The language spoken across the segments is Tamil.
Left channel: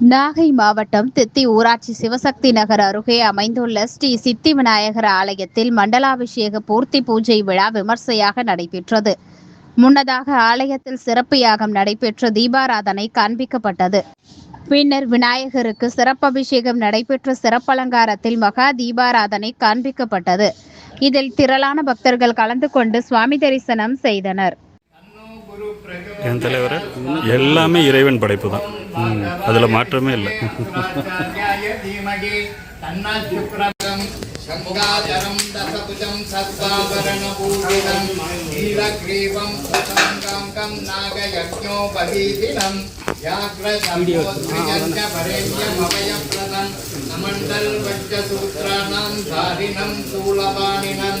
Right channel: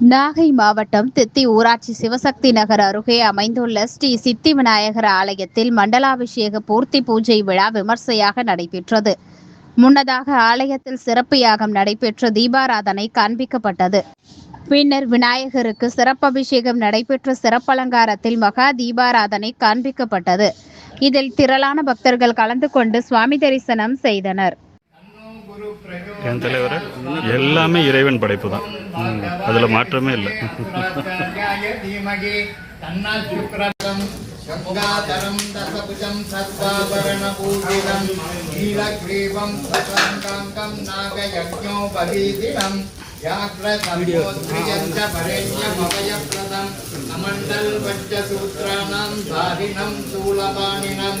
நாகை மாவட்டம் தித்தி ஊராட்சி சிவசக்தி நகர் அருகே அமைந்துள்ள ஸ்ரீ சித்தி விநாயகர் ஆலயத்தில் மண்டலாபிஷேக பூர்த்தி பூஜை விழா விமர்சையாக நடைபெற்றது. முன்னதாக ஆலயத்தில் சிறப்பு யாகம் நடைபெற்று தீபாராதனை காண்பிக்கப்பட்டது. பின்னர் விநாயகருக்கு சிறப்பபிஷேகம் நடைபெற்ற சிறப்பலங்காரத்தில் மகா தீபாராதனை காண்பிக்கப்பட்டது. இதில் திரளான பக்தர்கள் கலந்து கொண்டு சுவாமி தரிசனம் செய்தனர். என் தலைவர் எல்லாமே இறைவன் படைப்பு தான். அதில் மாற்றமே இல்லை. ஆச்சாரியாய தீமகி தன்னாத் தாரிணம் சூலபாணினம்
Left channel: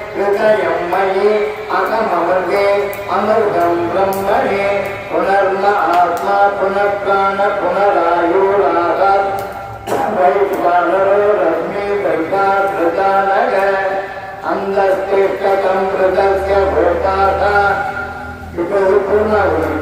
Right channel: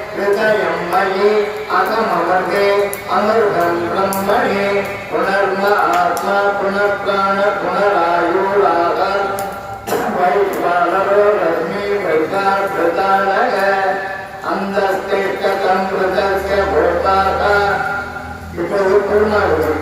பிரம்மணே அகமமர்ந்தே அமருடன் பிரம்மணே புனர்ம ஆத்மா புனர்காண புனராயூராகார் வைஸ்வானரோ ரஷ்மி வைகாகிருதானக அந்தஸ்தேஷ்டகம் கிருதஸ்ய பூதாதா. இப்போது பூர்ணாகுதம்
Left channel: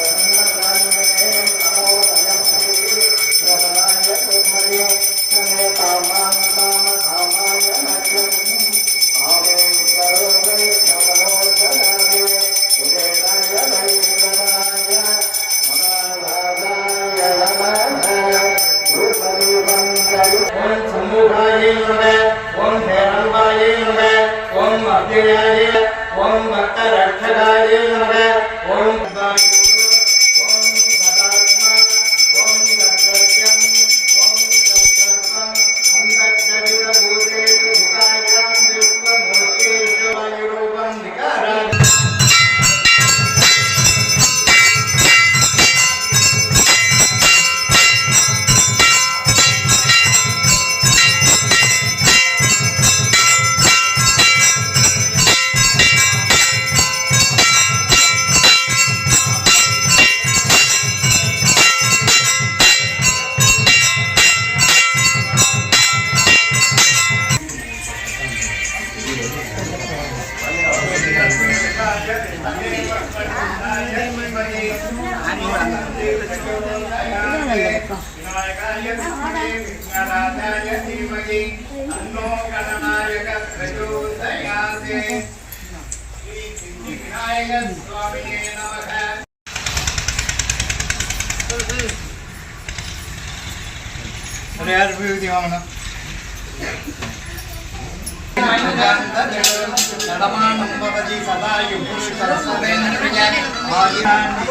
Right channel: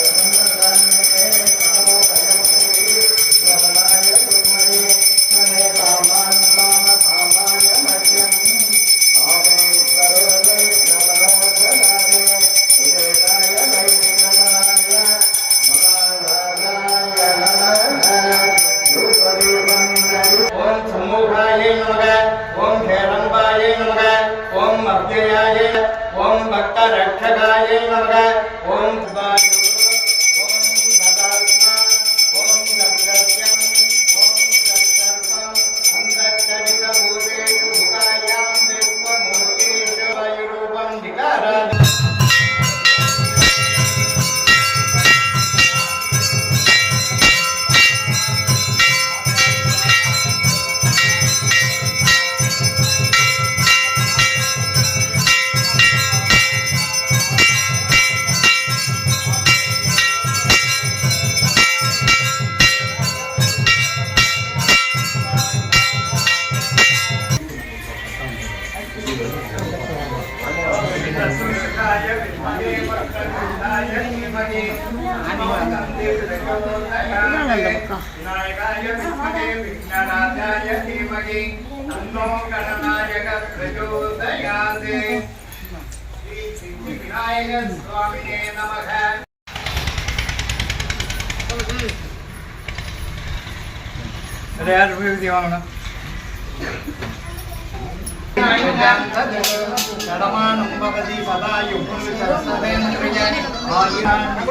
भक्तिनाय ओम भक्त रक्षकाय விநாயகர் சுவாமியே நமக ரெண்டு பேர் வாங்கணும் పదమానం భవతి సదా యుగుడు సరస్వతేంద్రియ ఆదిరాన్ని